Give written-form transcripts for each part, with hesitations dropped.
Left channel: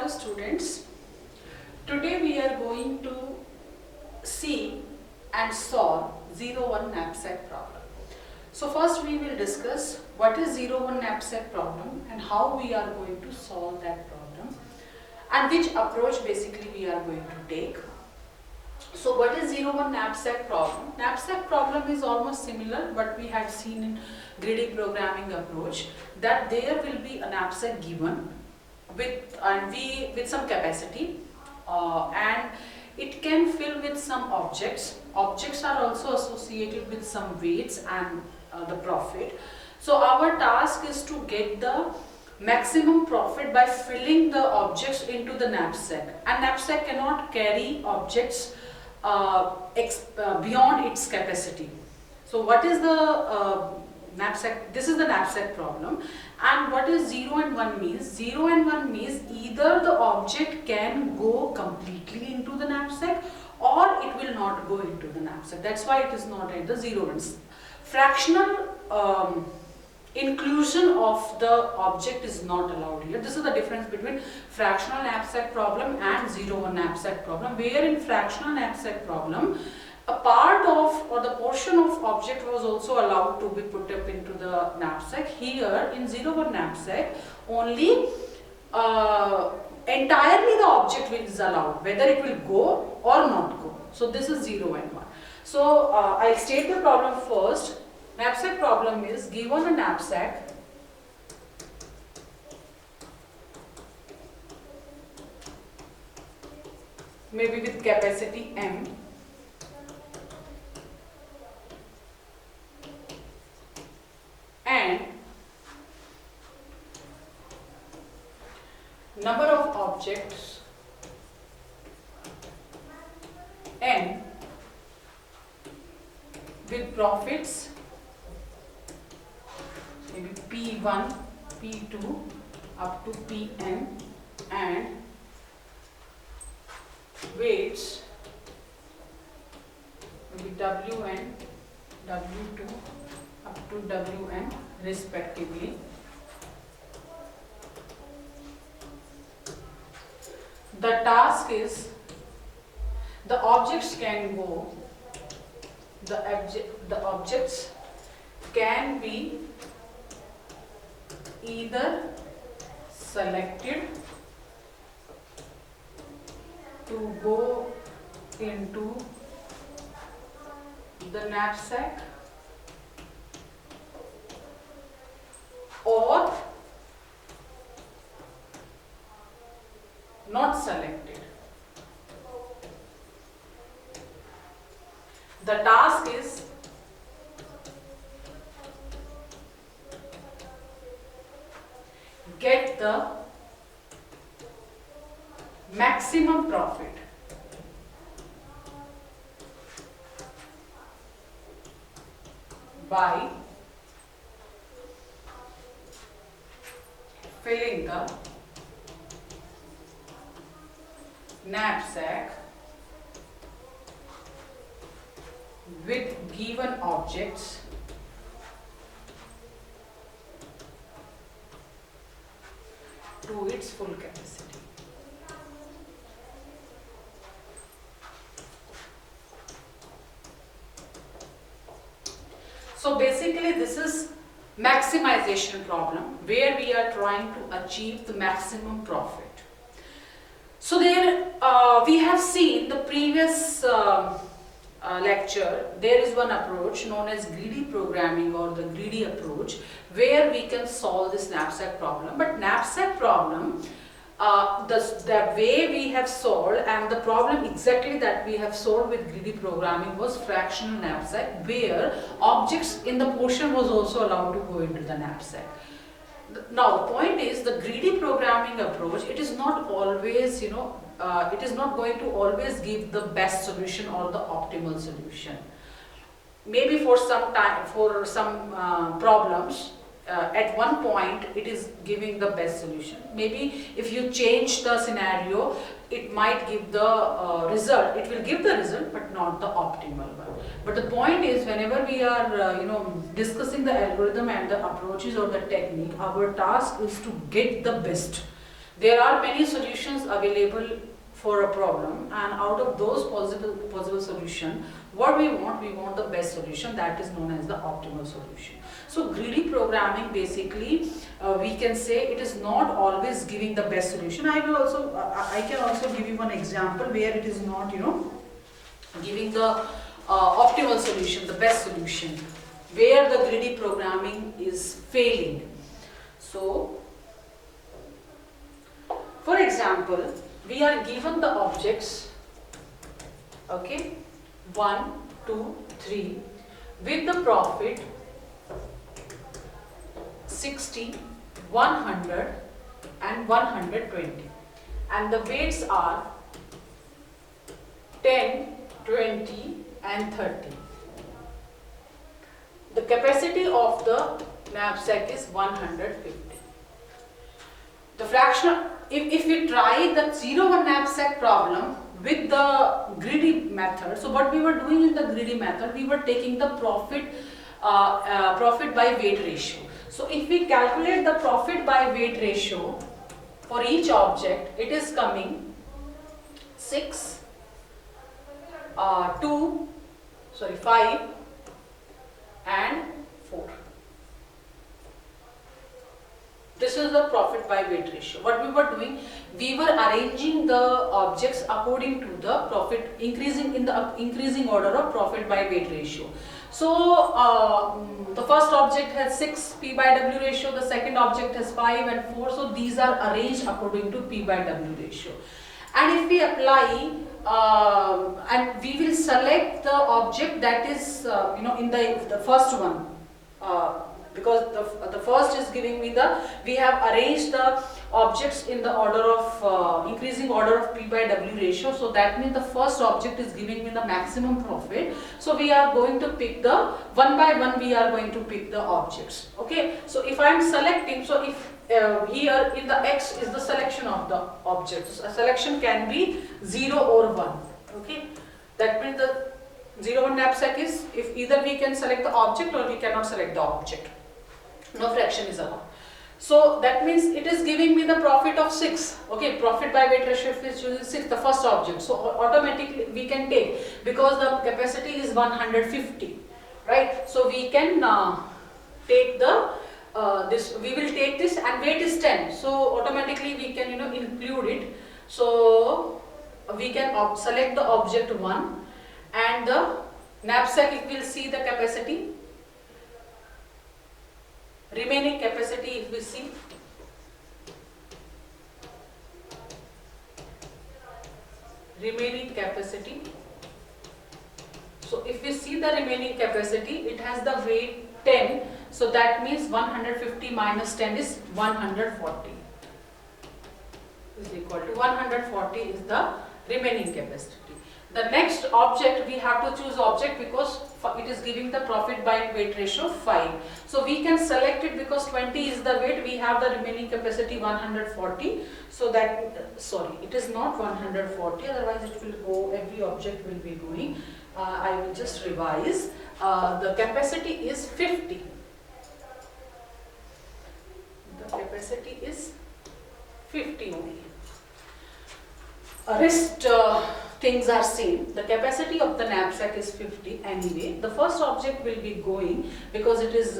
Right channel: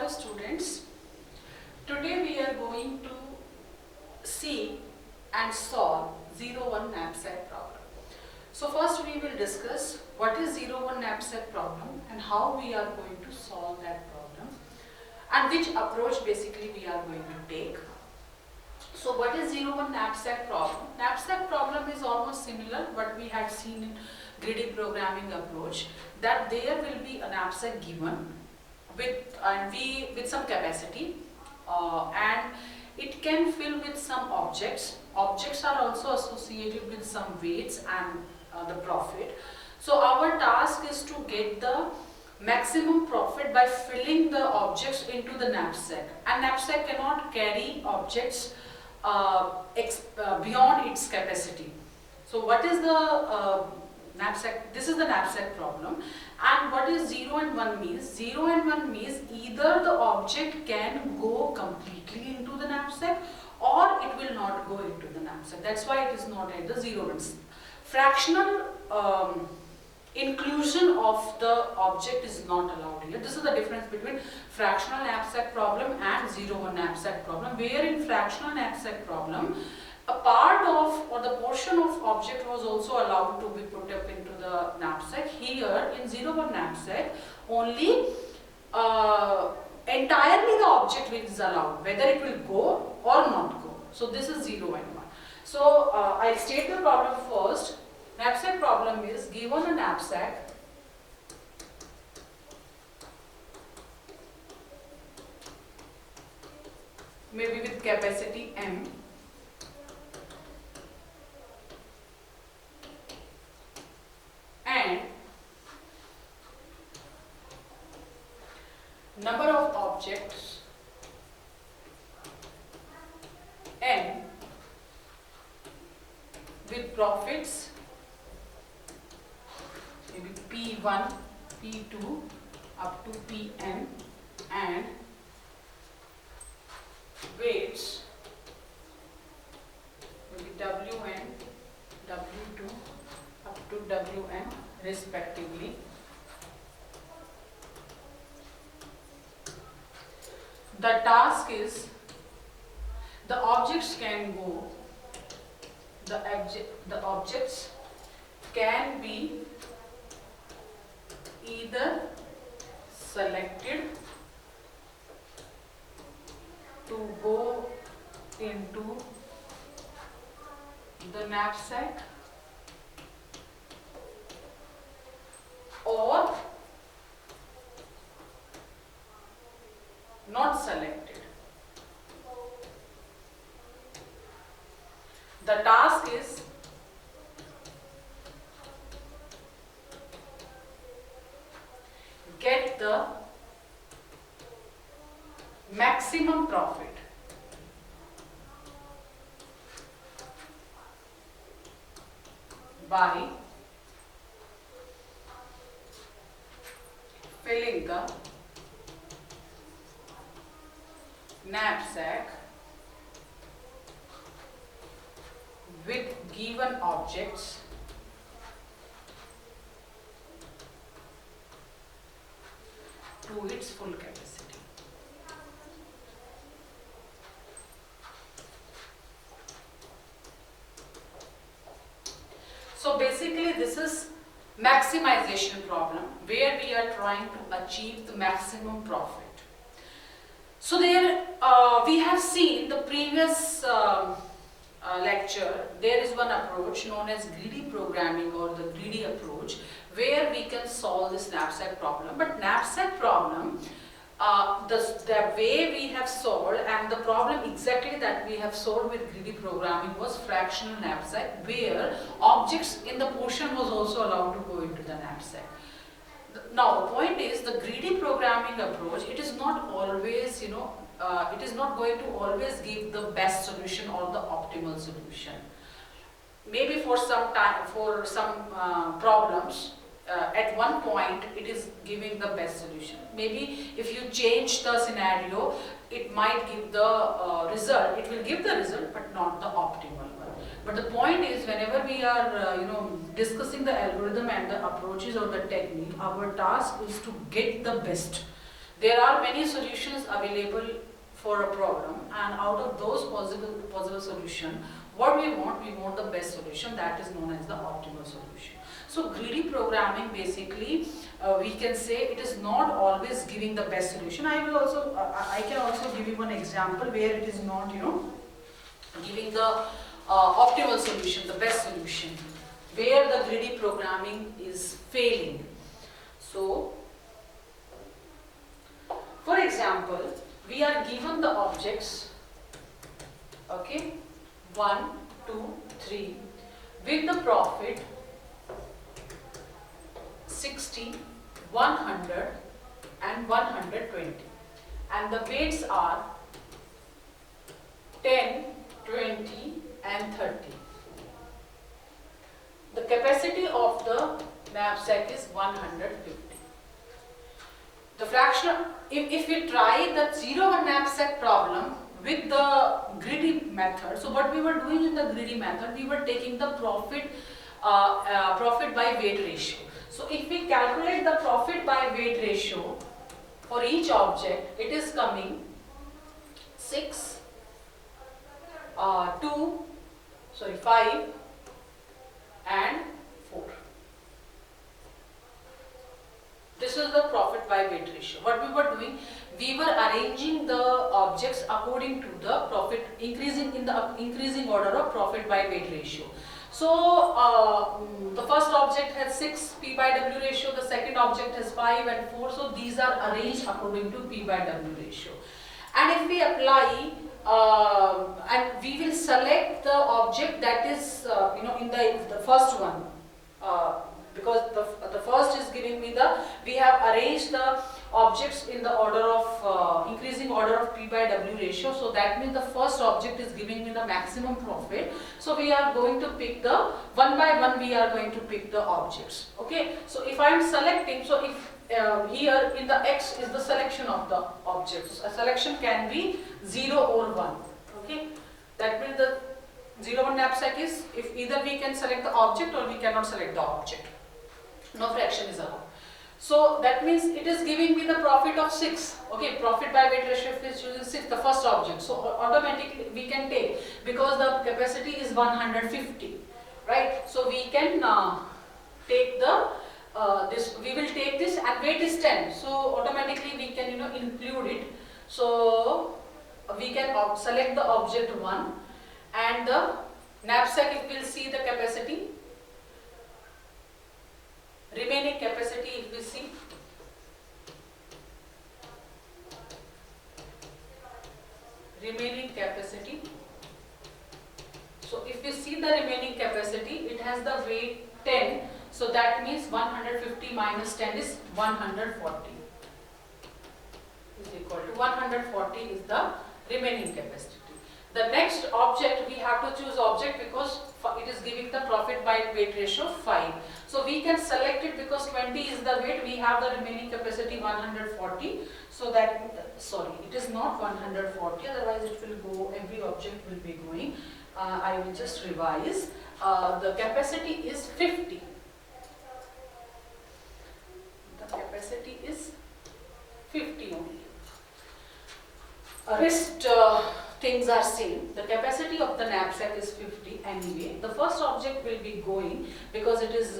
Hello students, today we are going to see and solve 01 knapsack problem. So first we will discuss what is 01 knapsack problem and how we are going to solve that problem and which approach basically we are going to take. So what is 01 knapsack problem? Knapsack problem is almost similar what we had seen in greedy programming approach, that there will be a knapsack given with some capacity and it can fill with some objects. Objects are also associated with some weights and the profit. So our task is to get the maximum profit by filling the objects into the knapsack, and knapsack cannot carry objects beyond its capacity. So what is the knapsack? This is the knapsack problem. And what is 0 and 1 means? 0 and 1 means either the object can go completely into the knapsack or it will not go into the knapsack. That's why it is not at the 0 and fractional inclusion of the object is not allowed here. This is the difference between fractional knapsack problem and 0-1 knapsack problem, where in fractional knapsack problem a part of or the portion of object was also allowed to be put up into the knapsack. Here in 0-1 knapsack only entirely the object is allowed, whether it will go or not go. So this is 0 and 1. So I'll state the problem first. Knapsack problem is given a knapsack maybe with capacity M and number of objects N with profits maybe P1, P2 up to Pn, and weights maybe Wn, W2 up to Wn respectively. The task is the objects can go, the objects can be either selected to go into the knapsack or not selected. The task is get the maximum profit by filling the knapsack with given objects to its full capacity. So basically this is maximization problem where we are trying to achieve the maximum profit. So there we have seen the previous lecture, there is one approach known as greedy programming or the greedy approach where we can solve this knapsack problem. But knapsack problem, the way we have solved and the problem exactly that we have solved with greedy programming was fractional knapsack, where objects in the portion was also allowed to go into the knapsack. Now the point is, the greedy programming approach, it is not always, it is not going to always give the best solution or the optimal solution. Maybe for some time, for some problems, at one point it is giving the best solution. Maybe if you change the scenario, it might give the result. It will give the result, but not the optimal one. But the point is, whenever we are discussing the algorithm and the approaches or the technique, our task is to get the best. There are many solutions available for a problem, and out of those possible solution, what we want the best solution, that is known as the optimal solution. So greedy programming, basically we can say it is not always giving the best solution. I can also give you one example where it is not, giving the optimal solution, the best solution, where the greedy programming is failing. So for example, we are given the objects, okay, 1, 2, 3, with the profit 60, 100 and 120, and the weights are 10, 20 and 30. The capacity of the knapsack is 150. The fractional, if we try the 0-1 knapsack problem with the greedy method, so what we were doing in the greedy method, we were taking the profit by weight ratio. So if we calculate the profit by weight ratio for each object, it is coming 6, 5 and 4. This is the profit by weight ratio. What we were doing, we were arranging the objects according to the profit, increasing order of profit by weight ratio. So the first object has 6 P by W ratio, the second object has 5 and 4. So these are arranged according to P by W ratio. And if we apply, and we will select the object that is, in the first one, because the first is giving me we have arranged the objects in the order of, increasing order of P by W ratio. So that means the first object is giving me the maximum profit. So we are going to pick the, one by one we are going to pick the objects. Okay. So if I am selecting, so if here in the X is the selection of the objects. A selection can be 0 or 1. Okay. That means the 0-1 knapsack is, if either we can select the object or we cannot select the object. No fraction is allowed. So that means it is giving me the profit of 6. Okay, profit by weight ratio is choosing 6, the first object. So automatically we can take, because the capacity is 150, right? So we can take the we will take this, and weight is 10. So automatically we can include it. So we can select the object 1, and the knapsack, if we will see the capacity, remaining capacity, if we see, remaining capacity. So if we see the remaining capacity, it has the weight 10. So that means 150 minus 10 is 140. Is equal to 140 is the remaining capacity. The next object, we have to choose object because it is giving the profit by weight ratio 5. So we can select it because 20 is the weight, we have the remaining capacity 140. So that, sorry, it is not 140, otherwise it will go, every object will be going. I will just revise. The capacity is 50. The capacity is 50 only. Rest things are same. The capacity of the knapsack is 50 anyway. The first object will be going because it is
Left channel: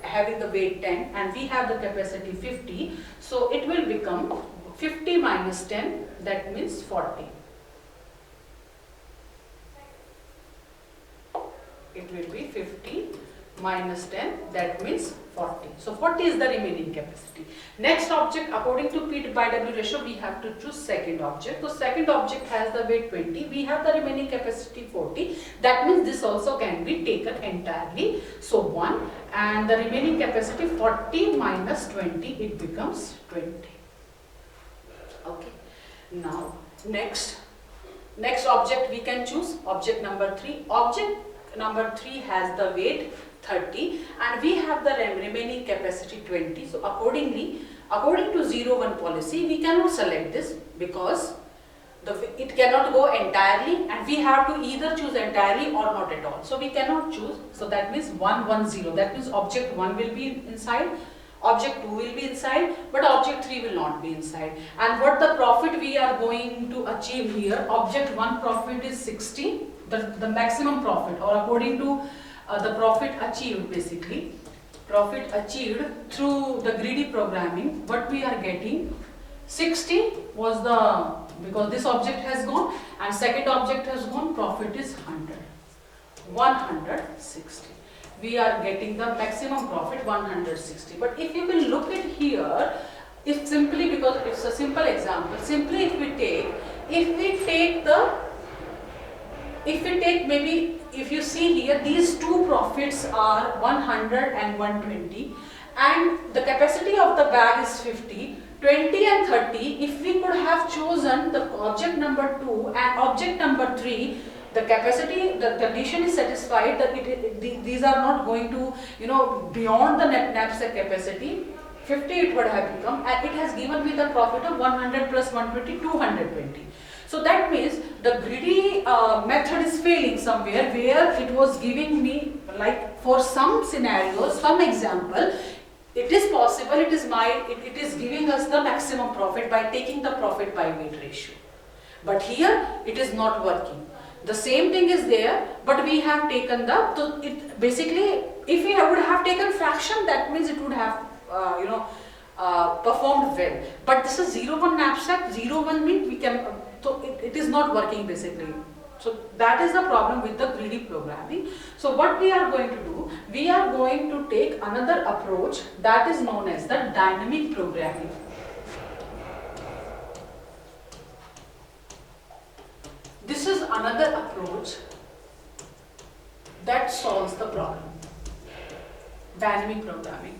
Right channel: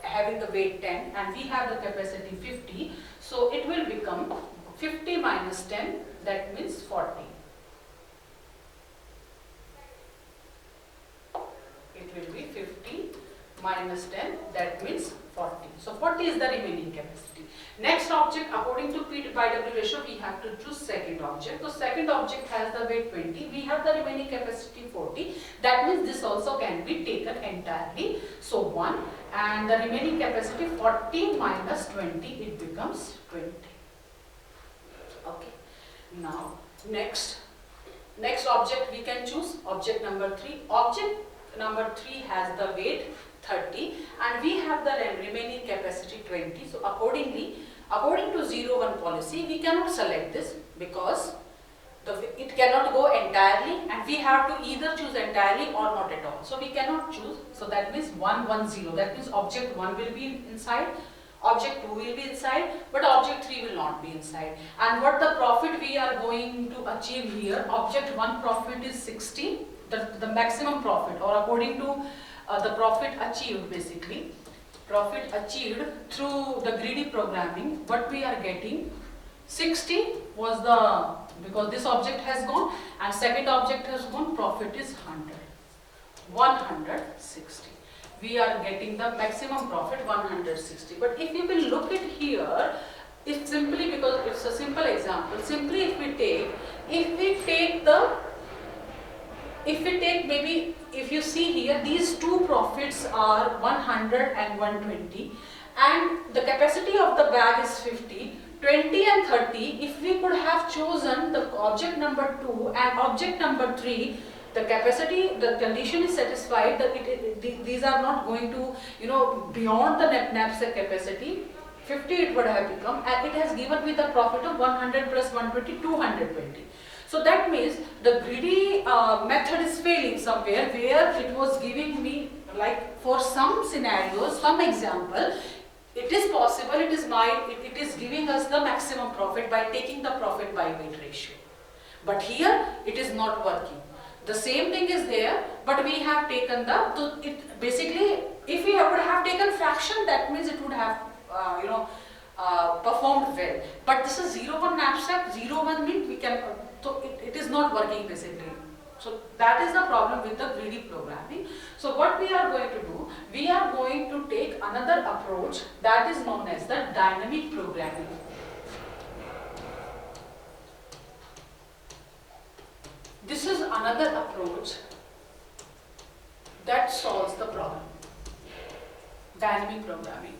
having the weight 10 and we have the capacity 50. So it will become 50 minus 10, that means 40. It will be 50 minus 10, that means 40. So 40 is the remaining capacity. Next object, according to P by W ratio, we have to choose second object. So second object has the weight 20. We have the remaining capacity 40. That means this also can be taken entirely. So 1, and the remaining capacity 40 minus 20, it becomes 20. Okay. Now next object we can choose, object number 3. Object number 3 has the weight 30 and we have the remaining capacity 20. So accordingly, according to 0-1 policy, we cannot select this because it cannot go entirely and we have to either choose entirely or not at all. So we cannot choose. So that means 1, 1, 0. That means object 1 will be inside, Object 2 will be inside, but object 3 will not be inside. And what the profit we are going to achieve here, object 1 profit is 60, the maximum profit, or according to the profit achieved basically. Profit achieved through the greedy programming, what we are getting, 60 was the, because this object has gone and second object has gone, profit is 100. 160. We are getting the maximum profit 160. But if you will look at here, if simply, because it's a simple example, simply if we take maybe, if you see here, these two profits are 100 and 120, and the capacity of the bag is 50, 20 and 30. If we could have chosen the object number 2 and object number 3, the capacity, the condition is satisfied that these are not going to, beyond the knapsack capacity. 50 it would have become, and it has given me the profit of 100 plus 120, 220. So that means the greedy method is failing somewhere, where it was giving me, like for some scenarios, some example, it is possible, it is giving us the maximum profit by taking the profit by weight ratio. But here it is not working. The same thing is there, but we have taken the, so it basically, if we would have taken fraction, that means it would have, performed well. But this is 0-1 knapsack, 0-1 means we can, so it is not working basically. So that is the problem with the greedy programming. So what we are going to do, we are going to take another approach that is known as the dynamic programming. This is another approach that solves the problem. Dynamic programming.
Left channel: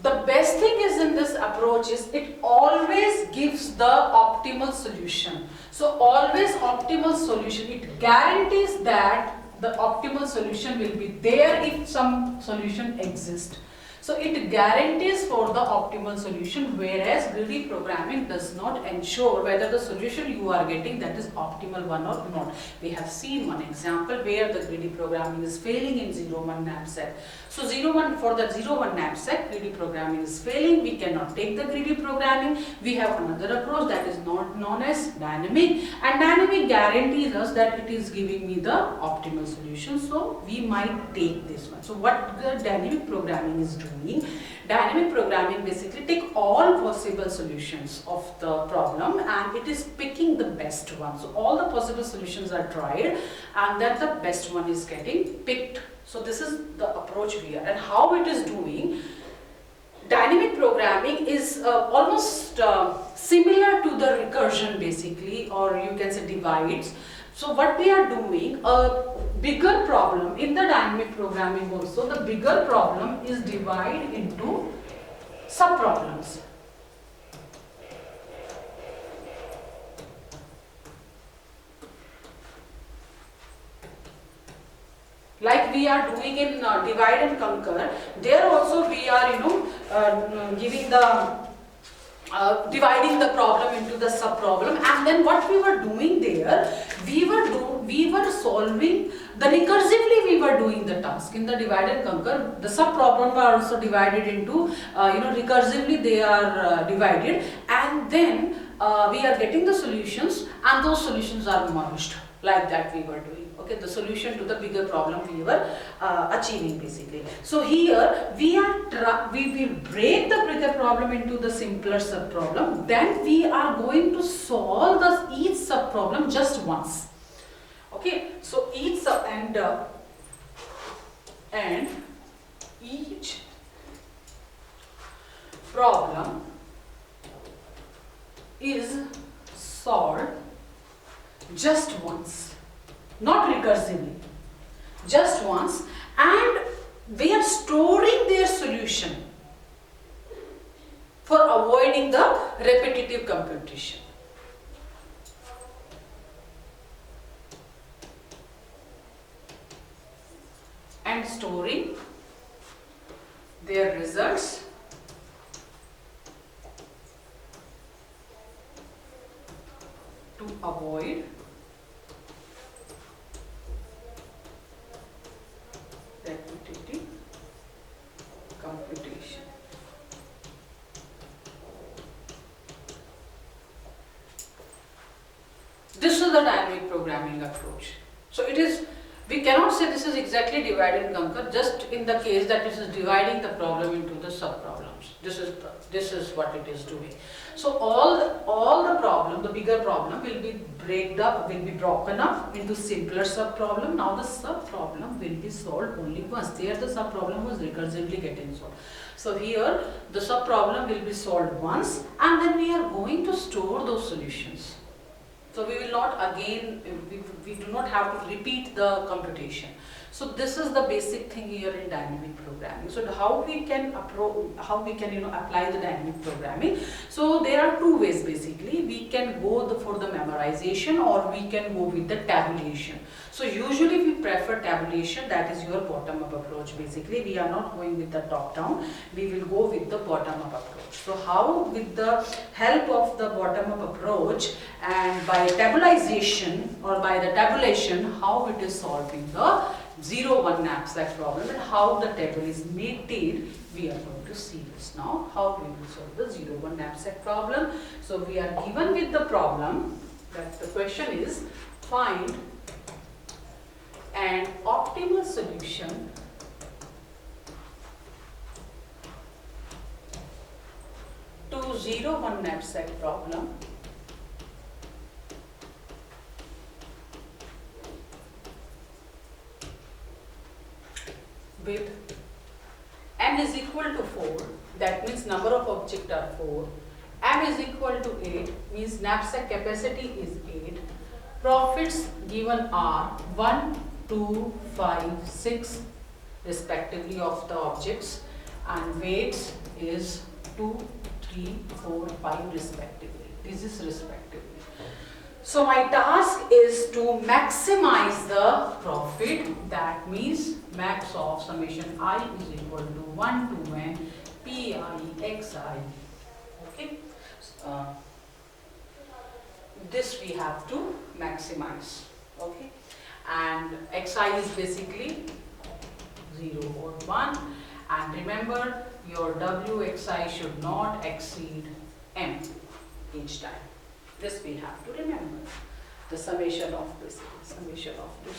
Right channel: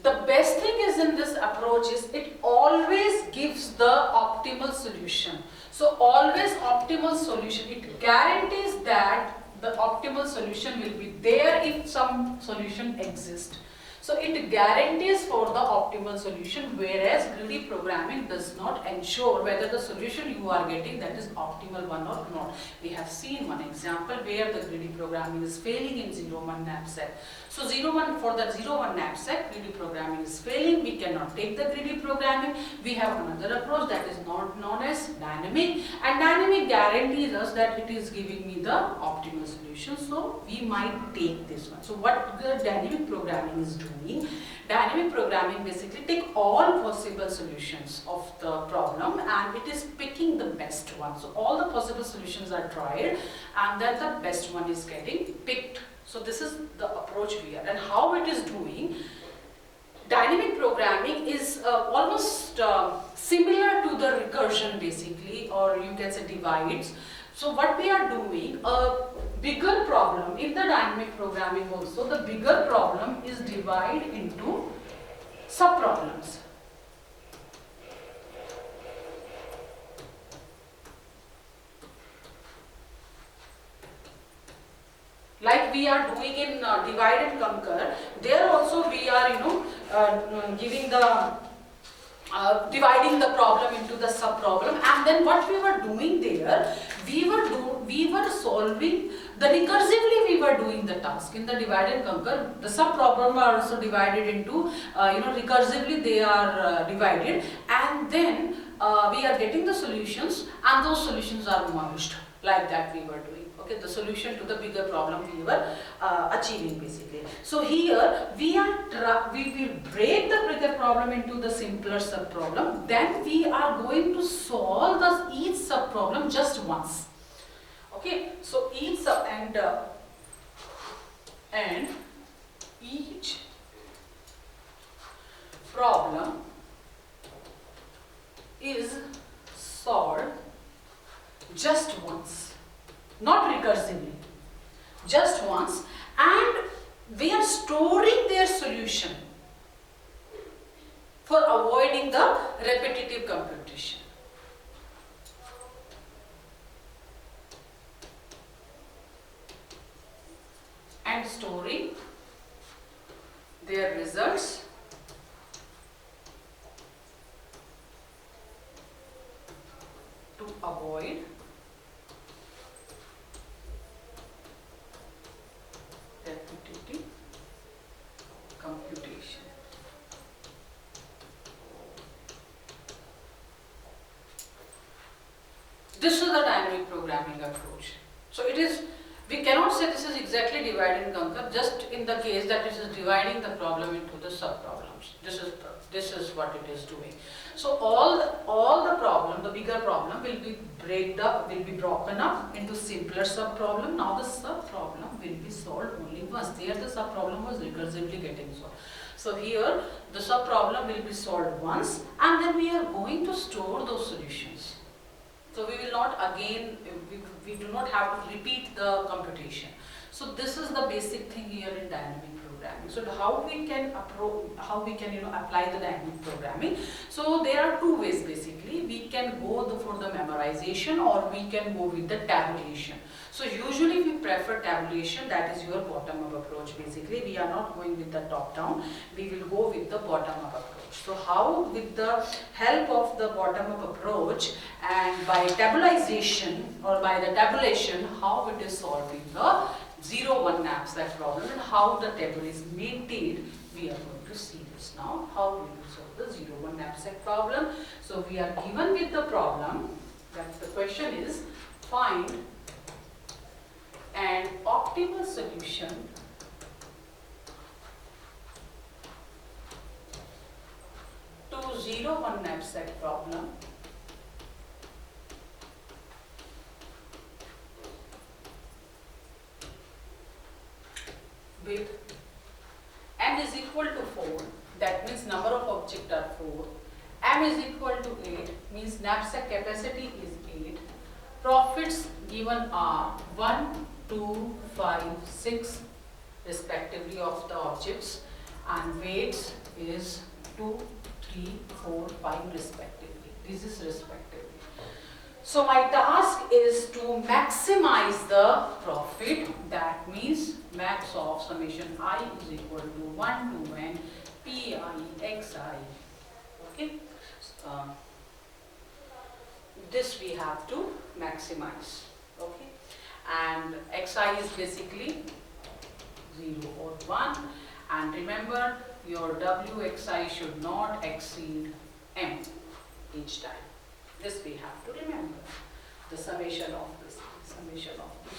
The best thing is in this approach is it always gives the optimal solution. So always optimal solution. It guarantees that the optimal solution will be there if some solution exists. So it guarantees for the optimal solution, whereas greedy programming does not ensure whether the solution you are getting that is optimal one or not. We have seen one example where the greedy programming is failing in 0-1 knapsack. So 0-1, for the 0-1 knapsack, greedy programming is failing. We cannot take the greedy programming. We have another approach that is known as dynamic, and dynamic guarantees us that it is giving me the optimal solution. So we might take this one. So what the dynamic programming is doing? Dynamic programming basically take all possible solutions of the problem and it is picking the best one. So all the possible solutions are tried and then the best one is getting picked. So this is the approach we are, and how it is doing. Dynamic programming is almost similar to the recursion basically, or you can say divides. So what we are doing, a bigger problem in the dynamic programming also, the bigger problem is divided into sub-problems. Like we are doing in divide and conquer, there also we are, giving the dividing the problem into the sub-problem, and then what we were doing there, we were solving the recursively, we were doing the task in the divide and conquer. The sub-problem are also divided into, recursively they are divided, and then we are getting the solutions, and those solutions are merged. Like that we were doing. Okay, the solution to the bigger problem we were achieving basically. So here we will break the bigger problem into the simpler sub problem. Then we are going to solve each sub problem just once. Okay, so each sub and each problem is solved just once, not recursively, just once, and we are storing their solution for avoiding the repetitive computation. And storing their results to avoid repetitive computation. This is the dynamic programming approach. So it is, we cannot say this is exactly divide and conquer, just in the case that it is dividing the problem into the sub-problems. This is what it is doing. So all the problem, the bigger problem will be broken up into simpler sub-problem. Now the sub-problem will be solved only once. There the sub-problem was recursively getting solved. So here the sub-problem will be solved once, and then we are going to store those solutions. So we will not again, we do not have to repeat the computation. So this is the basic thing here in dynamic programming. So how we can apply the dynamic programming. So there are two ways basically. We can go for the memorization, or we can go with the tabulation. So usually we prefer tabulation, that is your bottom up approach basically. We are not going with the top down, we will go with the bottom up approach. So how, with the help of the bottom up approach and by tabulation or by the tabulation, how it is solving the 0-1 knapsack problem and how the table is maintained, we are going to see this now, how we will solve the 0-1 knapsack problem. So we are given with the problem, that the question is find an optimal solution to 0-1 knapsack problem with m is equal to 4, that means number of objects are 4, m is equal to 8, means knapsack capacity is 8, profits given are 1, 2, 5, 6 respectively of the objects, and weights is 2, 3, 4, 5 respectively. This is respectively. So my task is to maximize the profit, that means max of summation I is equal to 1 to n pi xi. Okay. This we have to maximize. Okay. And xi is basically 0 or 1, and remember your wxi should not exceed m each time. This we have to remember. The summation of this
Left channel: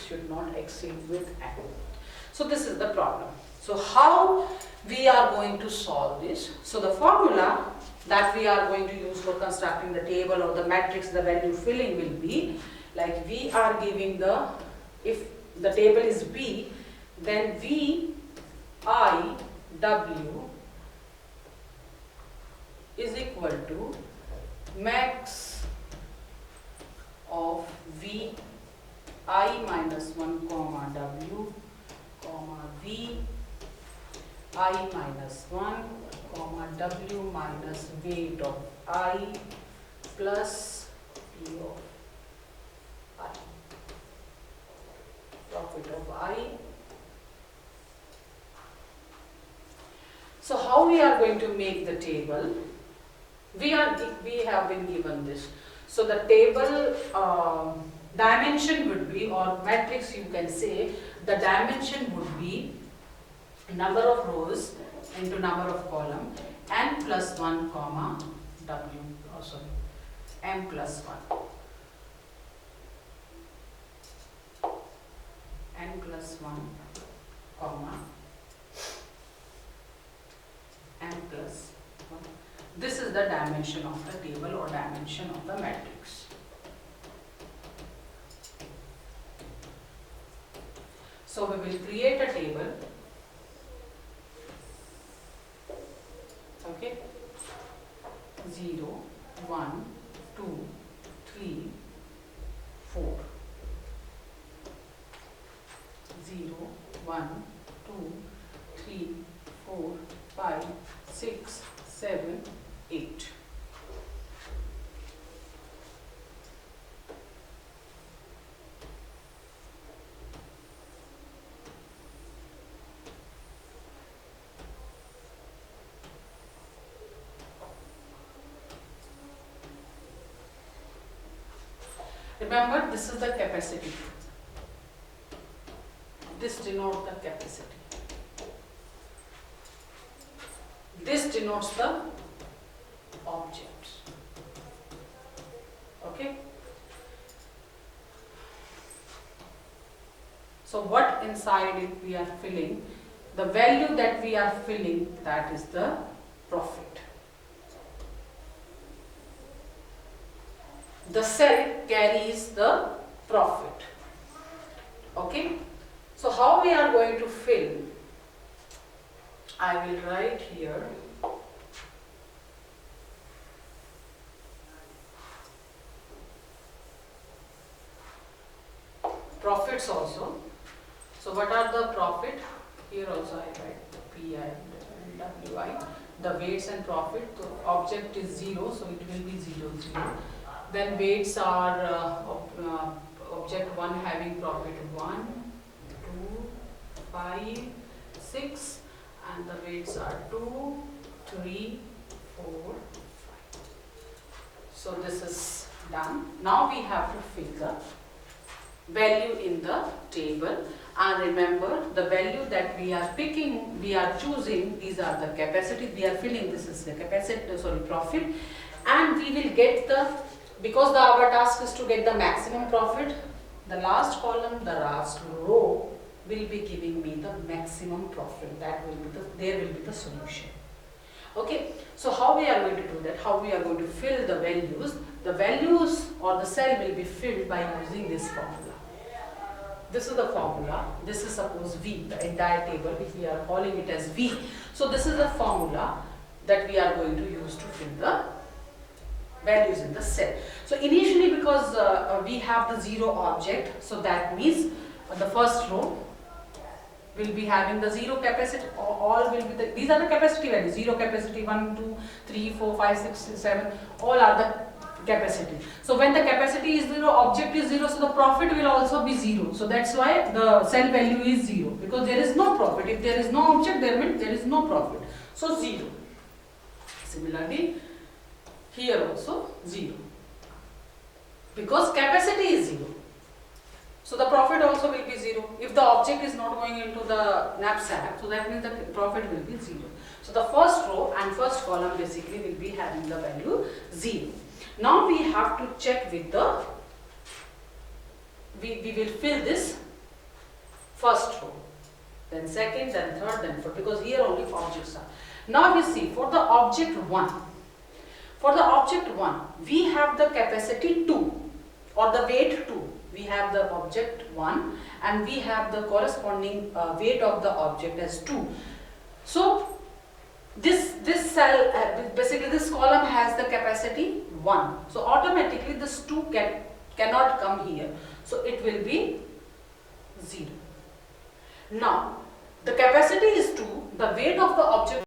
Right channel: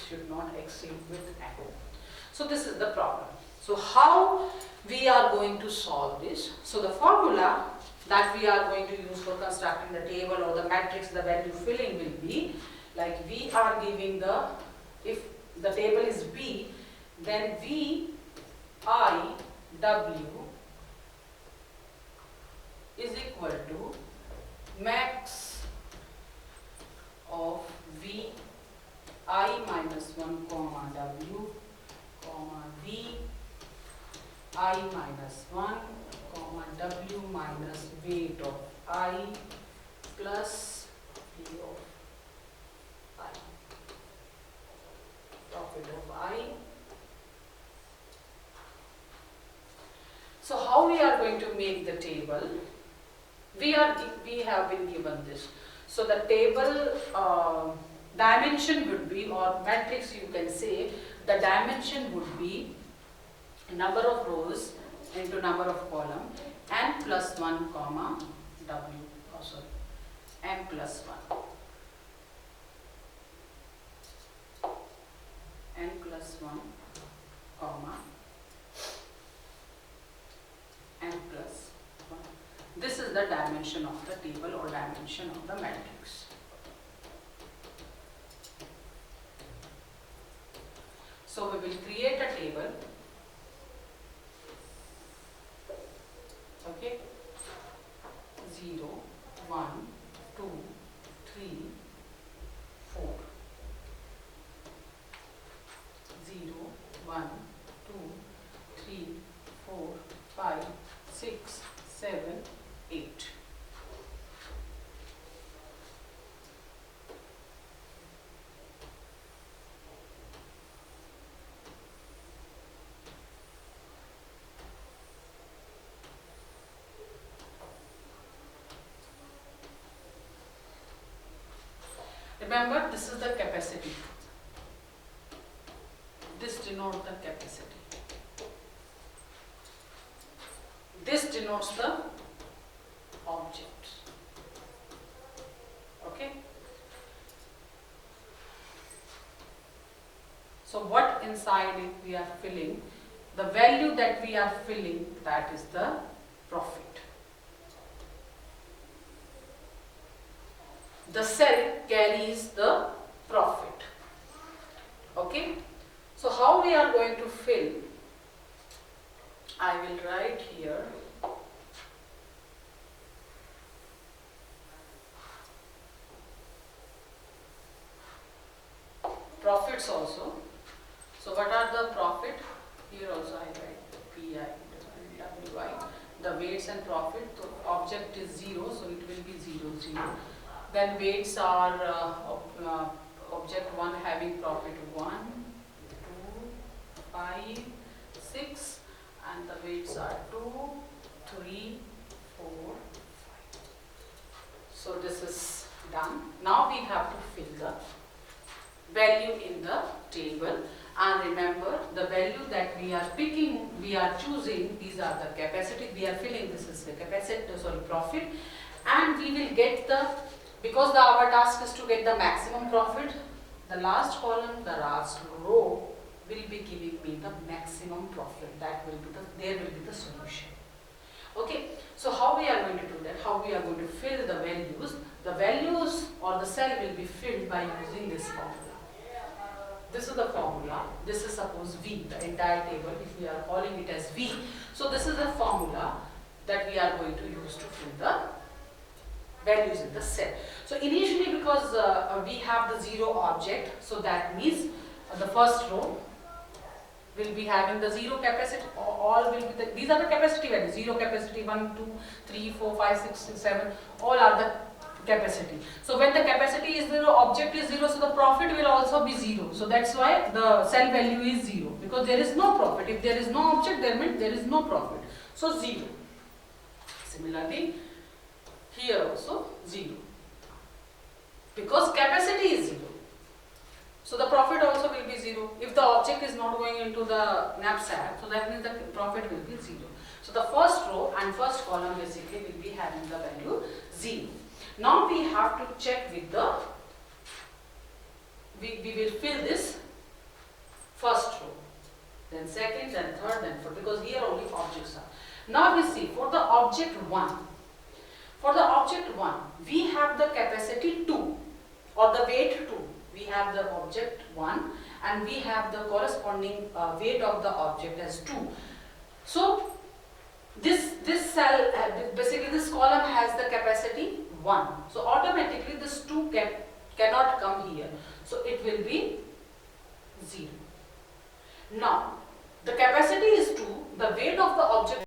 should not exceed with m. So this is the problem. So how we are going to solve this? So the formula that we are going to use for constructing the table or the matrix, the value filling will be like, we are giving the, if the table is B, then V I W is equal to max of V I minus 1 comma W comma V I minus 1 comma W minus weight of I plus P of I, profit of I. So how we are going to make the table? We have been given this. So the table dimension would be, or matrix you can say, the dimension would be number of rows into number of column, n plus 1 comma w, m plus 1, n plus 1 comma m plus 1. This is the dimension of the table or dimension of the matrix. So we will create a table. Okay, 0, 1, 2, 3, 4. 0, 1, 2, 3, 4, 5, 6, 7, 8. Remember, this is the capacity. This denotes the capacity. This denotes the objects. Okay. So what inside it we are filling, the value that we are filling, that is the profit. The cell carries the profit. Okay. So how we are going to fill? I will write here. Profits also. So what are the profit? Here also I write PI, WI, the weights and profit. So object is 0, so it will be 0, 0. Then weights are object 1 having profit 1, 2, 5, 6, and the weights are 2, 3, 4, 5. So this is done. Now we have to fill the value in the table, and remember the value that we are picking, we are choosing, these are the capacity we are filling, this is the capacity, profit, and we will get the, because our task is to get the maximum profit, the last column, the last row will be giving me the maximum profit. That will be there will be the solution. Okay, so how we are going to do that, how we are going to fill the values or the cell will be filled by using this formula. This is the formula, this is suppose V, the entire table, if we are calling it as V. So this is the formula that we are going to use to fill the values in the cell. So initially, because we have the 0 object, so that means the first row will be having the 0 capacity, all will be these are the capacity values, 0 capacity, 1, 2, 3, 4, 5, 6, 7, all are the capacity. So when the capacity is 0, object is 0, so the profit will also be 0. So that's why the cell value is 0, because there is no profit. If there is no object, there means there is no profit. So 0. Similarly, here also 0, because capacity is 0. So the profit also will be 0. If the object is not going into the knapsack, so that means the profit will be 0. So the first row and first column basically will be having the value 0. Now we have to check with the, we will fill this first row, then second, then third, then fourth, because here only objects are. Now we see for the object 1. For the object 1, we have the capacity 2 or the weight 2. We have the object 1 and we have the corresponding weight of the object as 2. So this cell, basically this column has the capacity 1. So automatically this 2 cannot come here. So it will be 0. Now the capacity is 2, the weight of the object